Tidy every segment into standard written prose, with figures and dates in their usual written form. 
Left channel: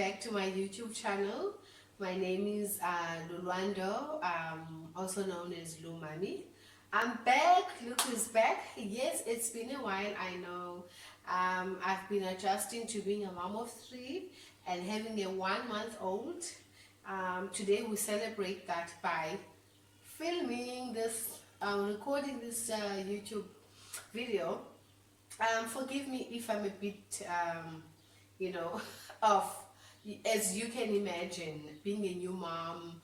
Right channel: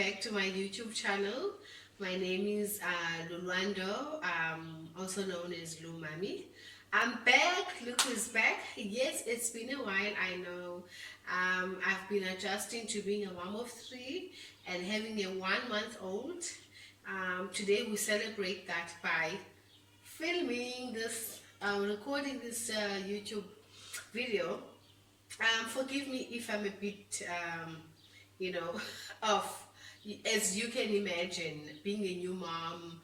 back to my YouTube channel. My name is Lulwando, also known as Lumami. I'm back. Look who's back. Yes, it's been a while, I know. I've been adjusting to being a mom of three and having a 1-month-old. Today we celebrate that by filming this, recording this YouTube video. Forgive me if I'm a bit, you know, off. As you can imagine, being a new mom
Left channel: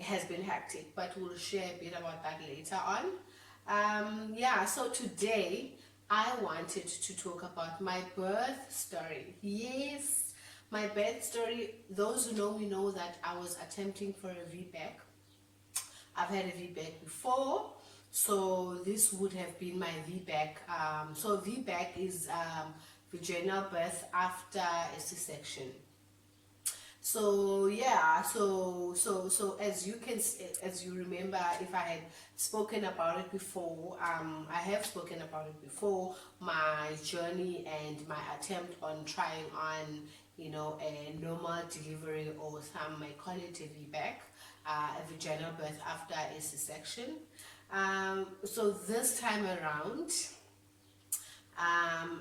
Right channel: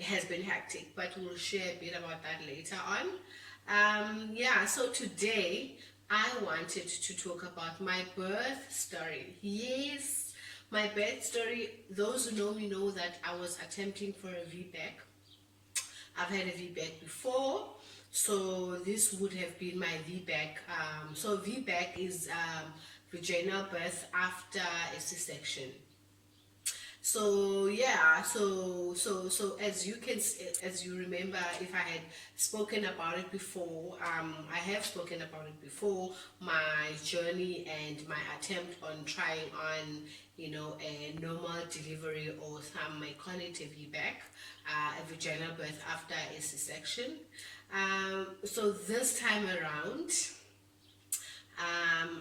has been hectic, but we'll share a bit about that later on. Yeah, so today I wanted to talk about my birth story. Yes, my birth story. Those who know me know that I was attempting for a VBAC. I've had a VBAC before, so this would have been my VBAC. So VBAC is vaginal birth after a C-section. So yeah, so as you remember, if I had spoken about it before, I have spoken about it before, my journey and my attempt on trying on, you know, a normal delivery, or some might call it a VBAC, a vaginal birth after a C-section. So this time around,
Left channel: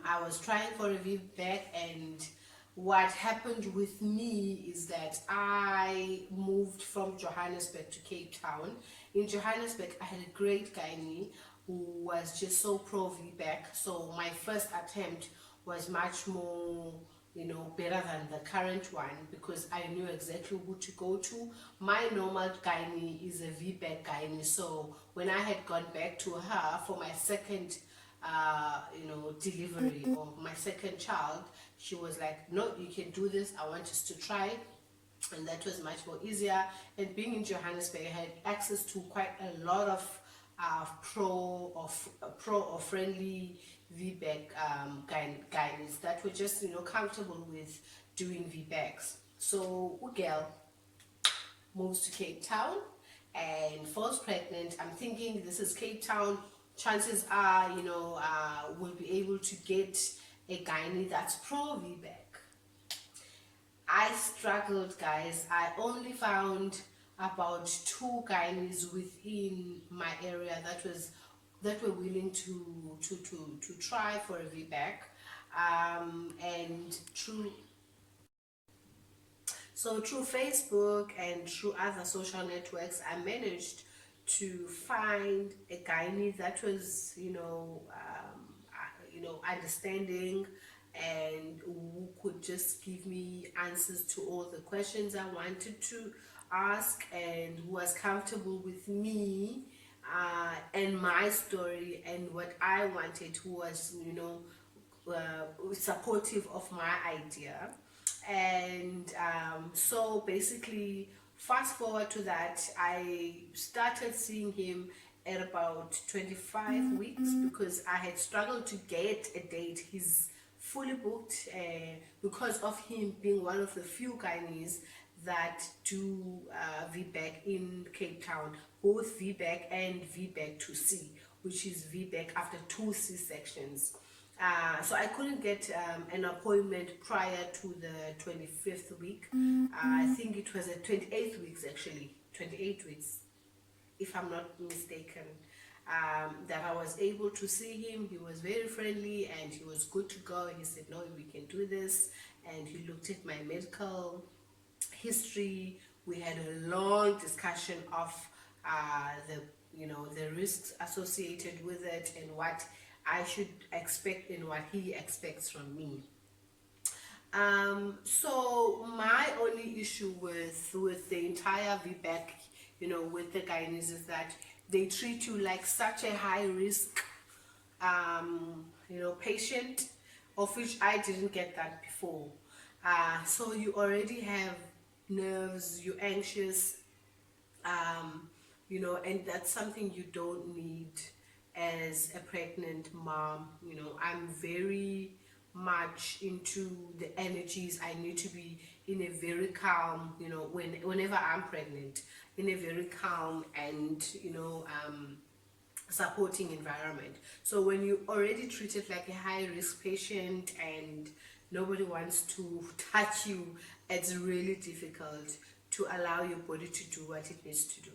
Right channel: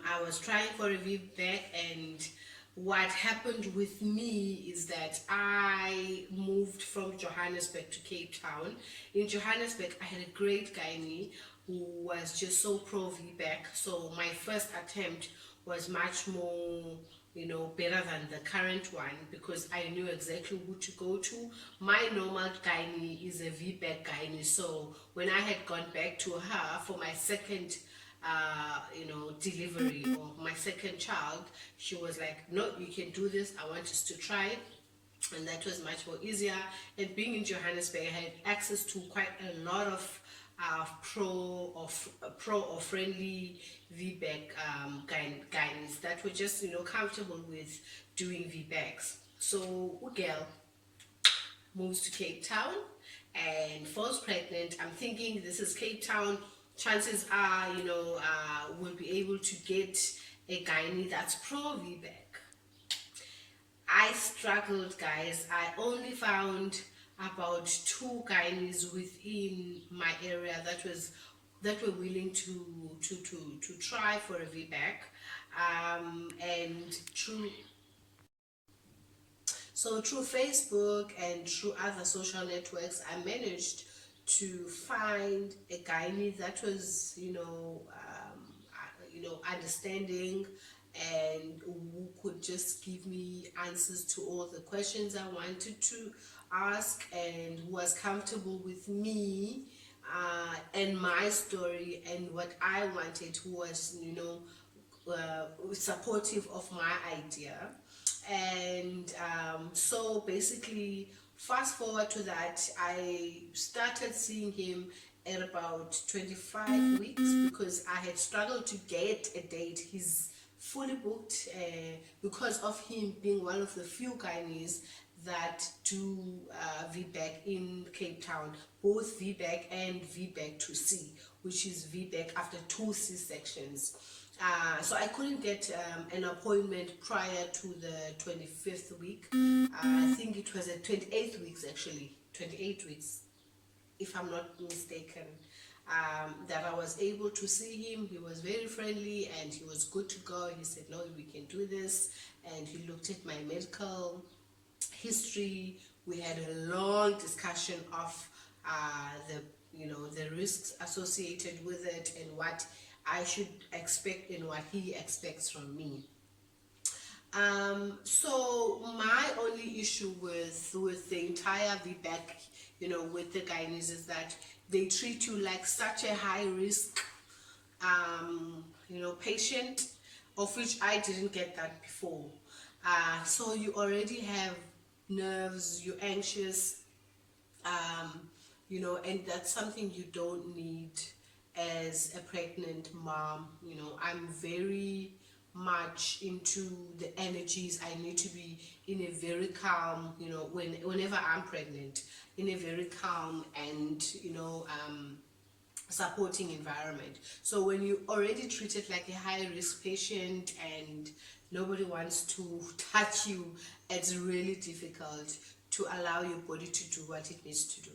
I was trying for a VBAC, and what happened with me is that I moved from Johannesburg to Cape Town. In Johannesburg, I had a great gynae who was just so pro VBAC. So my first attempt was much more, you know, better than the current one, because I knew exactly who to go to. My normal gynae is a VBAC gynae. So when I had gone back to her for my second you know, delivery, or my second child, she was like, no, you can do this, I want us to try. And that was much more easier. And being in Johannesburg, I had access to quite a lot of pro or friendly VBAC gynaes that were just, you know, comfortable with doing VBACs. So girl moves to Cape Town and falls pregnant. I'm thinking, this is Cape Town, chances are, you know, we'll be able to get a gynae that's pro VBAC. I struggled, guys. I only found about 2 gynaes within my area that were willing to try for a VBAC, and through Facebook and through other social networks, I managed to find a gynae that was, you know, understanding, and who could just give me answers to all the questions I wanted to ask, and who was comfortable with me and my story and what I wanted, who was, you know, supportive of my idea. And so basically, fast forward to that, I started seeing him at about 25 weeks, because I had struggled to get a date. He's fully booked because of him being one of the few gynaes that do VBAC in Cape Town, both VBAC and VBAC 2C, which is VBAC after 2 C-sections. So I couldn't get an appointment prior to the 25th week. I think it was at 28 weeks, actually, 28 weeks, if I'm not mistaken, that I was able to see him. He was very friendly and he was good to go. He said, no, we can do this. And he looked at my medical history. We had a long discussion of the risks associated with it, and what I should expect and what he expects from me. So my only issue with the entire VBAC, you know, with the gynaes, is that they treat you like such a high risk, you know, patient, of which I didn't get that before. So you already have nerves, you're anxious, you know, and that's something you don't need as a pregnant mom. You know, I'm very much into the energies. I need to be in a very calm, you know, whenever I'm pregnant, in a very calm and, you know, supporting environment. So when you already treated like a high risk patient, and nobody wants to touch you. It's really difficult to allow your body to do what it needs to do.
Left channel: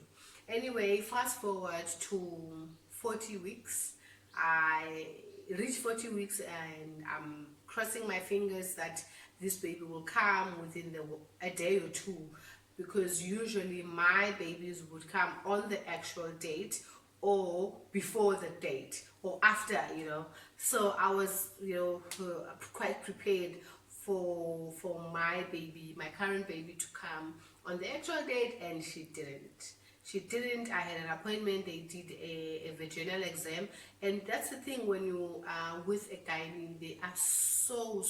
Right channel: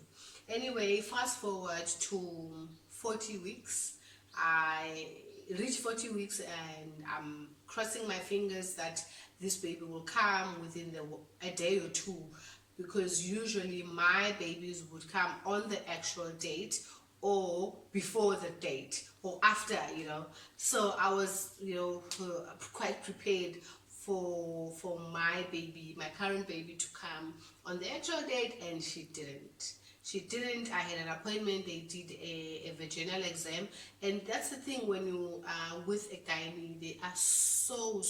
Anyway, fast forward to 40 weeks. I reached 40 weeks and I'm crossing my fingers that this baby will come within a day or two, because usually my babies would come on the actual date or before the date or after, so I was, quite prepared for my baby, my current baby, to come on the actual date, and she didn't. I had an appointment. They did a vaginal exam, and that's the thing, when you are with a gynae, they are so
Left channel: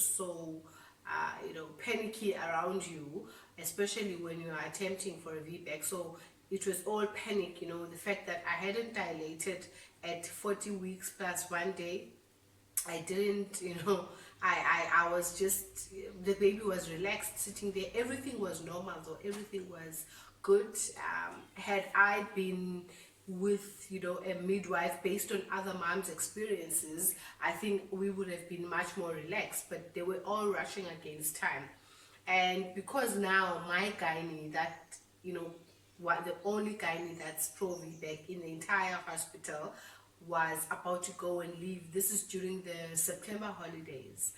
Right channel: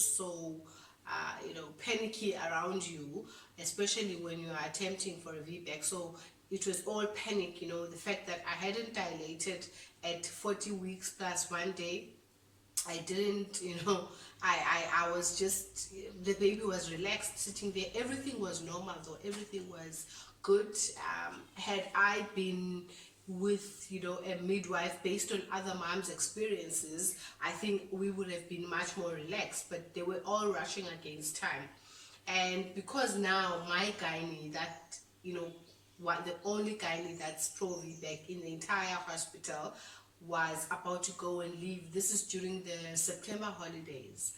panicky around you, especially when you are attempting for a VBAC. So it was all panic, the fact that I hadn't dilated at 40 weeks plus 1 day. I didn't, I was just, the baby was relaxed sitting there. Everything was normal, though. Everything was good. Had I been with, a midwife, based on other moms' experiences, I think we would have been much more relaxed, but they were all rushing against time. And because now my gynae, that, what the only gynae that's pro VBAC in the entire hospital, was about to go and leave. This is during the September holidays,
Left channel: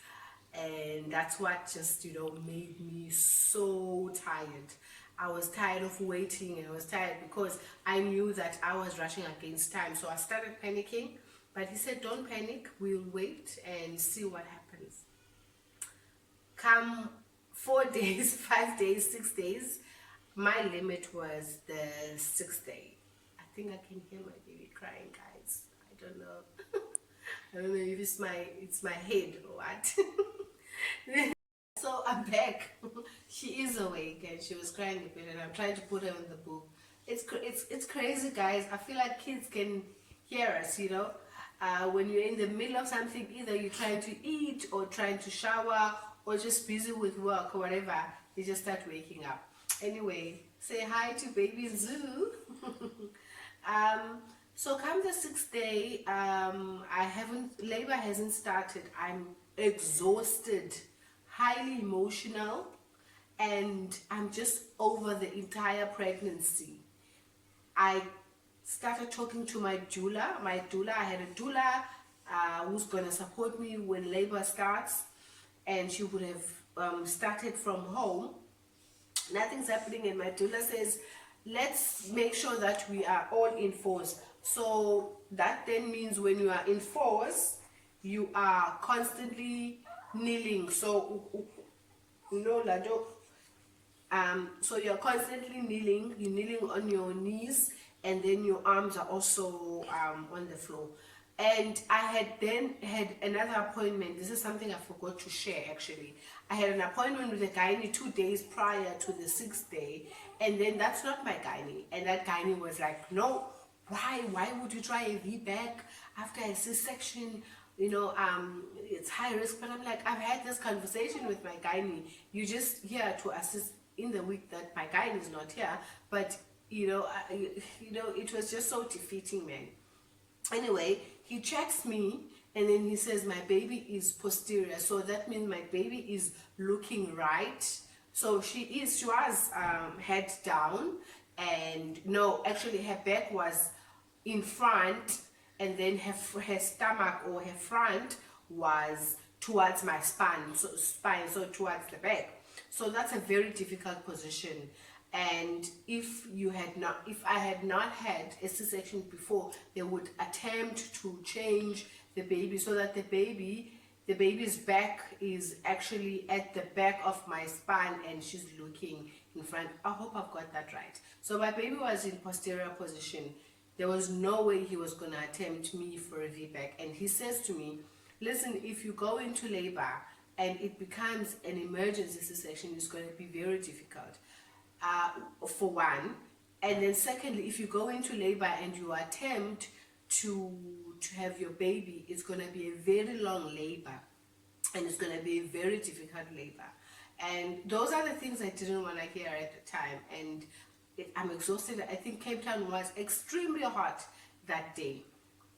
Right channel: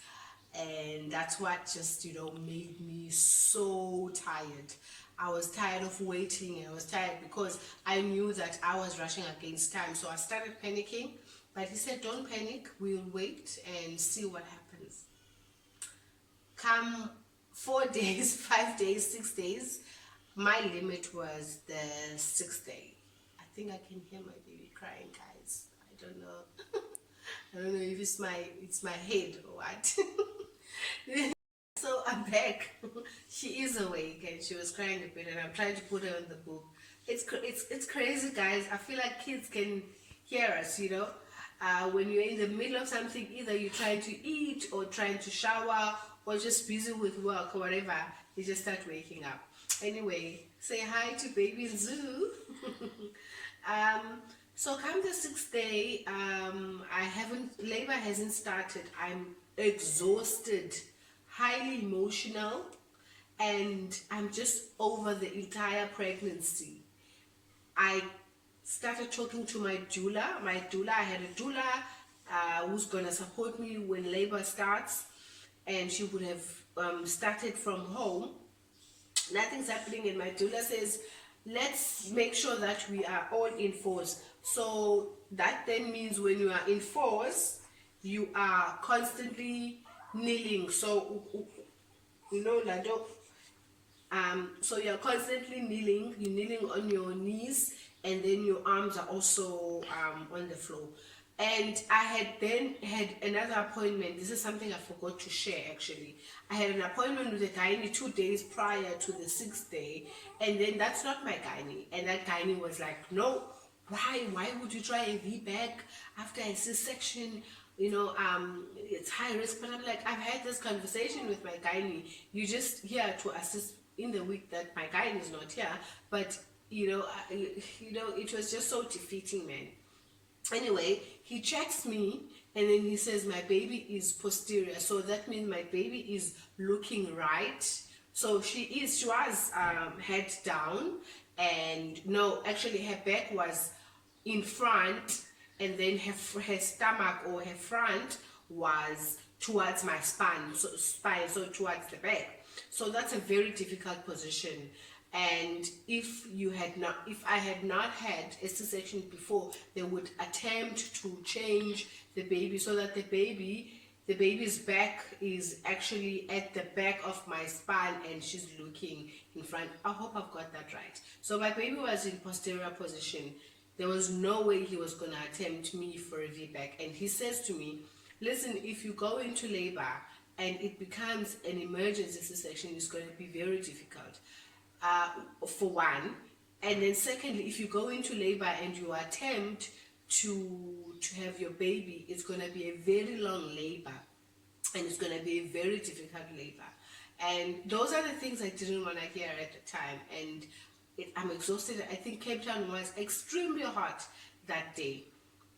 and that's what just made me so tired. I was tired of waiting, and I was tired because I knew that I was rushing against time. So I started panicking, but he said, don't panic, we'll wait and see what happens. Come 4 days, 5 days, 6 days, my limit was the 6th day. I think I can hear my baby crying, guys. I don't know. I don't know if it's my head or what. So I'm back. She is awake and she was crying a bit, and I'm trying to put her on the boob. It's crazy, guys. I feel like kids can hear us, when you're in the middle of something, either you're trying to eat or trying to shower or just busy with work or whatever, you just start waking up. Anyway, say hi to baby Zoo. So come the 6th day, labor hasn't started. I'm exhausted, highly emotional, and I'm just over the entire pregnancy. I started talking to my doula. I had a doula who's going to support me when labor starts, and she would have started from home. Nothing's happening, and my doula says, let's make sure that we are all in force. So that then means when you are in force, you are constantly kneeling. So Lado, so you're constantly kneeling. You're kneeling on your knees, and then your arms are also on the floor. And I had then had another appointment. This is something I forgot to share, actually. I had an appointment with a gynae 2 days prior to the 6th day, and then that's not my gynae. And that gynae was like, no, why would you try a VBAC after a C-section? It's high risk. But I'm like, I've had this conversation with my gynae. You're just here to assist in the week that my gynae is not here. But it was just so defeating, man. Anyway, he checks me, and then he says my baby is posterior, so that means my baby is looking right. So she was head down, and no, actually her back was in front, and then her stomach or her front was towards my spine, so towards the back. So that's a very difficult position. And if I had not had a C-section before, they would attempt to change the baby so that the baby's back is actually at the back of my spine and she's looking in front. I hope I've got that right. So my baby was in posterior position. There was no way he was going to attempt me for a VBAC. And he says to me, listen, if you go into labor and it becomes an emergency C-section, it's going to be very difficult. For one, and then secondly, if you go into labor and you attempt to have your baby, it's going to be a very long labor, and it's going to be a very difficult labor. And those are the things I didn't want to hear at the time, and I'm exhausted. I think Cape Town was extremely hot that day.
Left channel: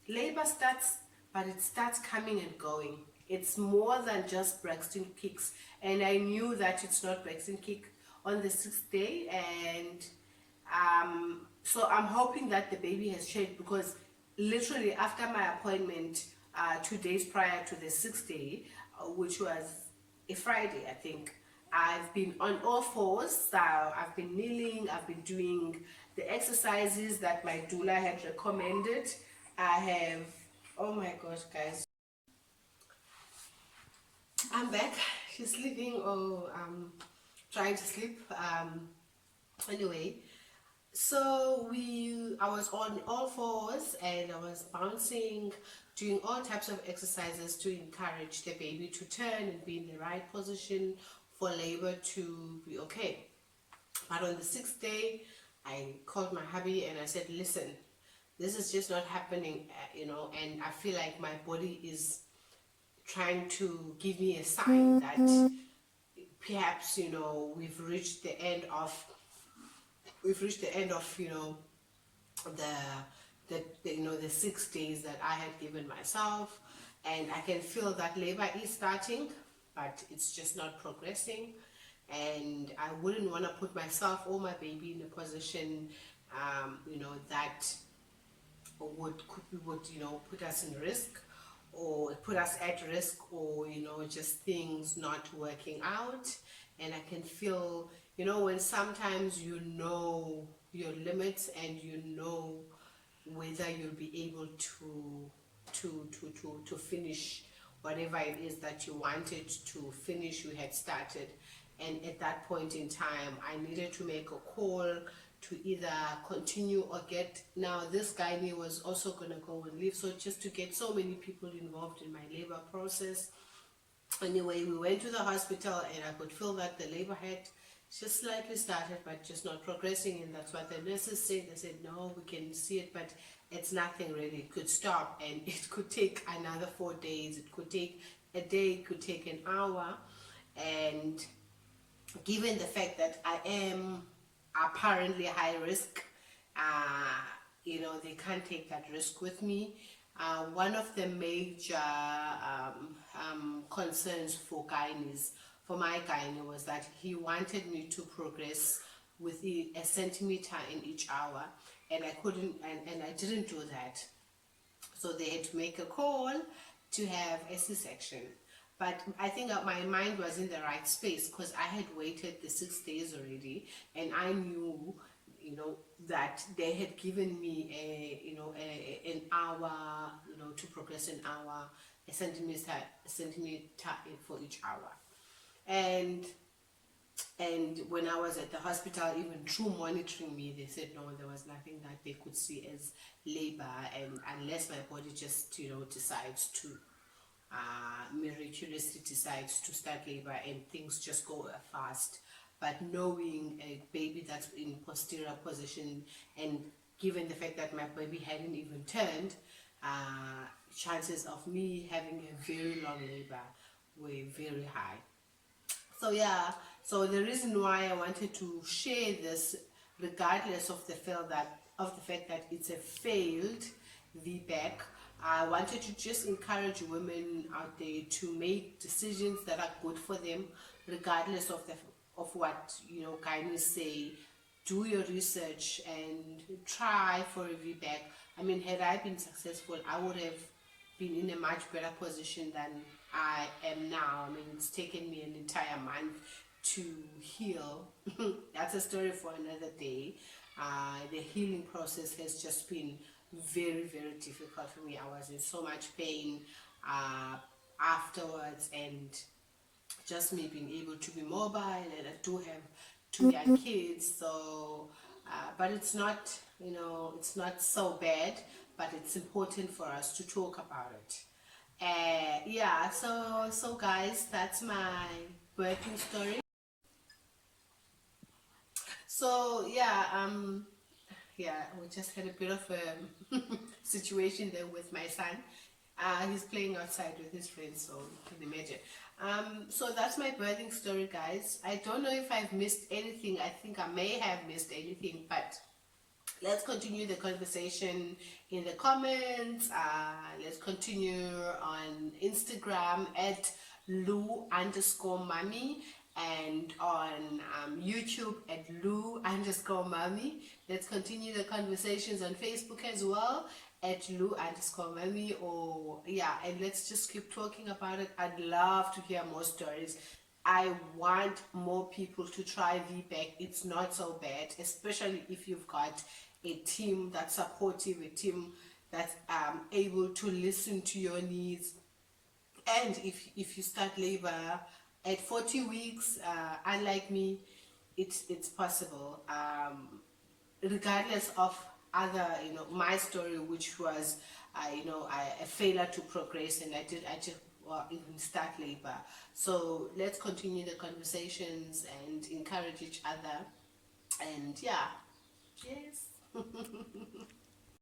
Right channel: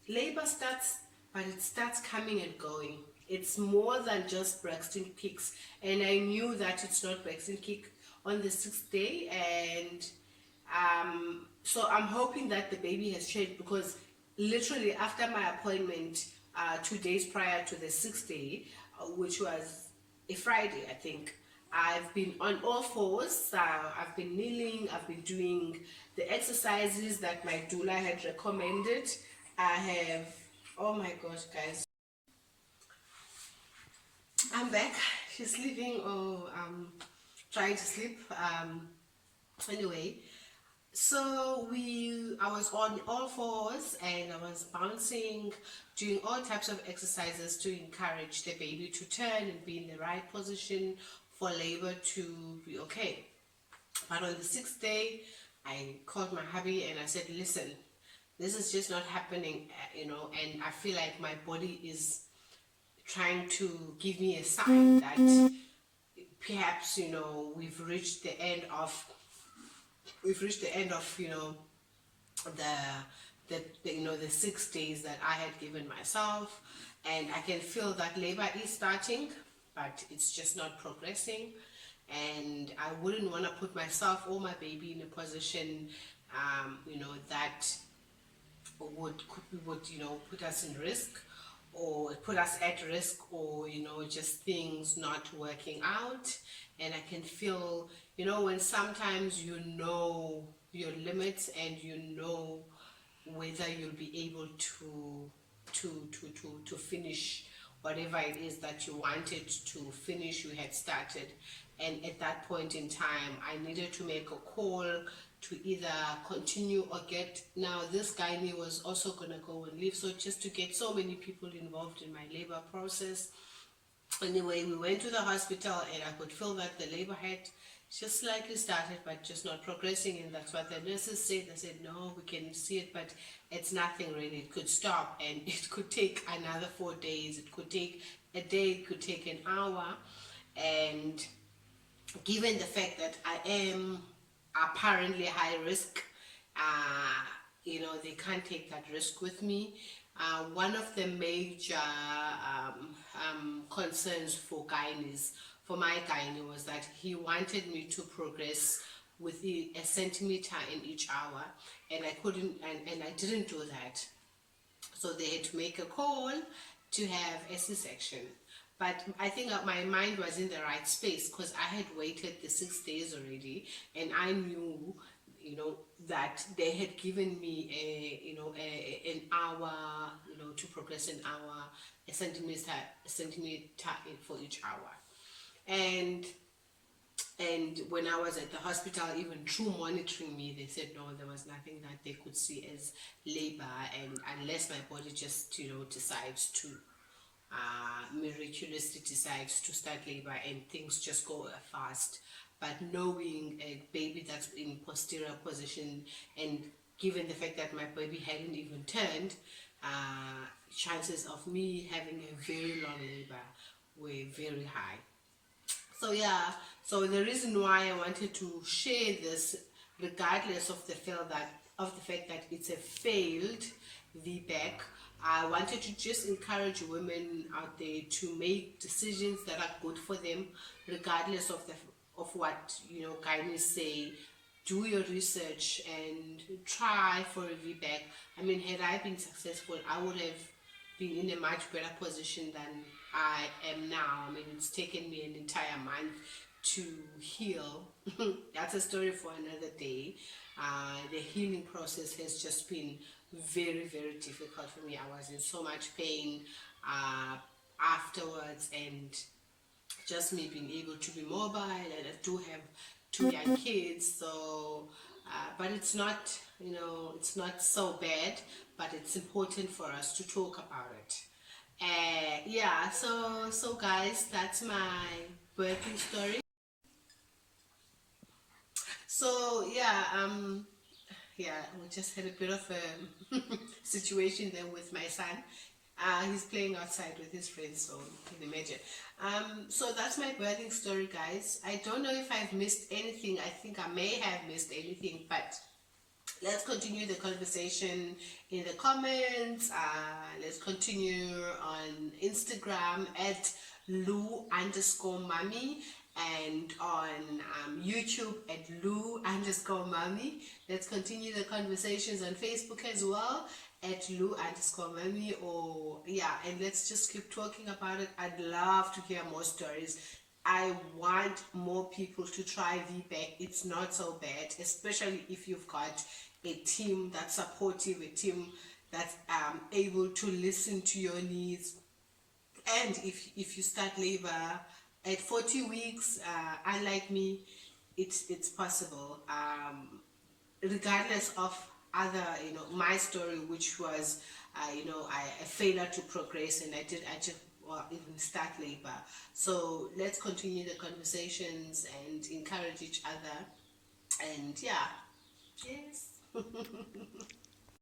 Labor starts, but it starts coming and going. it's more than just Braxton Hicks, and I knew that it's not Braxton Hicks on the 6th day. And so I'm hoping that the baby has changed, because literally after my appointment 2 days prior to the 6th day, which was a Friday, I think, I've been on all fours. So I've been kneeling, I've been doing the exercises that my doula had recommended. I have, oh my gosh, guys, I'm back. She's sleeping, or trying to sleep. Anyway, so I was on all fours and I was bouncing, doing all types of exercises to encourage the baby to turn and be in the right position for labor to be okay. But on the 6th day, I called my hubby and I said, listen, this is just not happening, and I feel like my body is trying to give me a sign that perhaps, we've reached the end of the 6 days that I had given myself, and I can feel that labor is starting, but it's just not progressing. And I wouldn't want to put myself or my baby in a position that would put us in risk, or put us at risk, or just things not working out. And I can feel, when sometimes your limits, and whether you'll be able to finish whatever it is that you wanted to finish, you had started. And at that point in time, I needed to make a call to either continue or get, now this guy was also going to go and leave, so just to get so many people involved in my labor process. Anyway, we went to the hospital and I could feel that the labor had just slightly started, but just not progressing. And that's what the nurses said. They said, no, we can see it, but it's nothing really. It could stop, and it could take another 4 days. It could take a day, it could take an hour. And given the fact that I am apparently high risk, they can't take that risk with me. One of the major concerns for my gynae was that he wanted me to progress with a centimeter in each hour, and I couldn't, and I didn't do that. So they had to make a call to have a C-section. But I think that my mind was in the right space, because I had waited the 6 days already, and I knew, that they had given me an hour, to progress an hour, a centimeter for each hour. And when I was at the hospital, even through monitoring me, they said no, there was nothing that they could see as labor, and unless my body just decides to miraculously decides to start labor and things just go fast. But knowing a baby that's in posterior position, and given the fact that my baby hadn't even turned, chances of me having a very long labor were very high. So yeah, so the reason why I wanted to share this, regardless of the fact that it's a failed VBAC, I wanted to just encourage women out there to make decisions that are good for them, regardless of what gynae say. Do your research and try for a VBAC. I mean, had I been successful, I would have been in a much better position than I am now. I mean, it's taken me an entire month to heal. That's a story for another day. The healing process has just been very, very difficult for me. I was in so much pain afterwards, and just me being able to be mobile, and I do have 2 young kids, so but it's not it's not so bad, but it's important for us to talk about it. Yeah, so guys, that's my birthing story. So yeah, we just had a bit of a situation there with my son. He's playing outside with his friends, so you can imagine. So that's my birthing story, guys. I don't know if I've missed anything. I think I may have missed anything, but let's continue the conversation in the comments. Let's continue on Instagram at Lu_mommy, and on YouTube at Lu_mommy. Let's continue the conversations on Facebook as well at Lu_mommy, or yeah, and let's just keep talking about it. I'd love to hear more stories. I want more people to try vbac. It's not so bad, especially if you've got a team that's supportive, a team that's able to listen to your needs. And if you start labor at 40 weeks, unlike me, it's possible. Regardless of other, my story, which was, a failure to progress, and I just even start labor. So let's continue the conversations and encourage each other. And yeah, yes.